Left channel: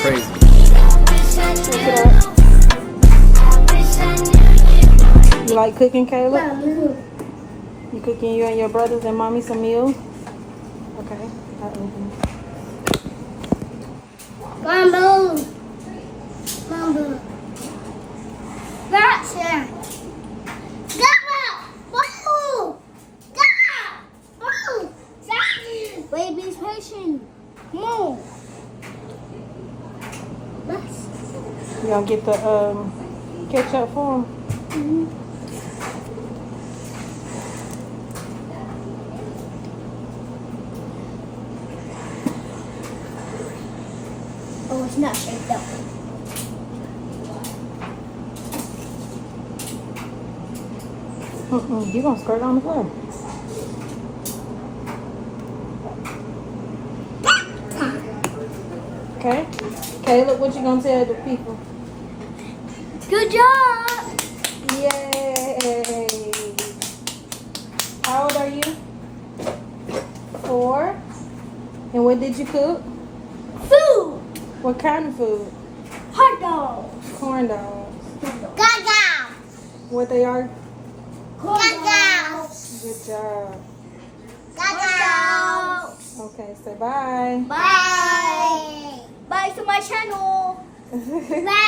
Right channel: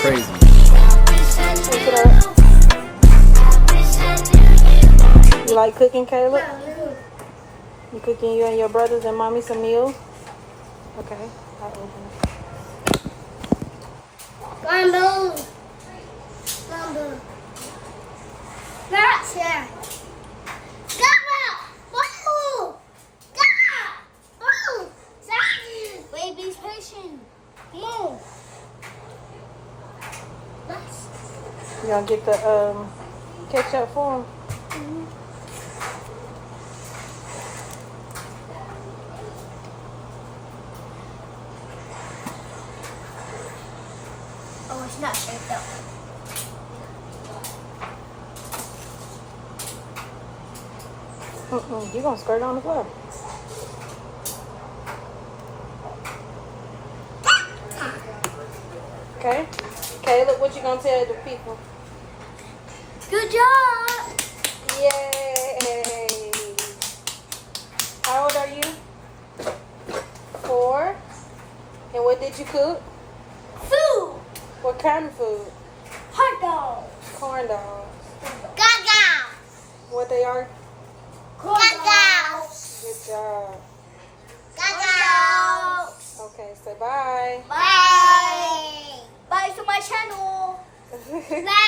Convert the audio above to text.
crazy. You like cooking, Kayla? You cooking you and your brothers and mommy some meals? Baby's patient. Move. You gonna get the ketchup for them? Oh, it's not shaped up. You gonna squirt on the floor. Okay. Caleb, what you gonna tell the people? Good job. Yay! How old are you? 4. And what did you cook? Food. What kind of food? Hot dogs. Corn dogs. Gaga. What they are? Gaga. Good job. Gaga. Okay, say bye. Bye. Bye to my channel. Bye.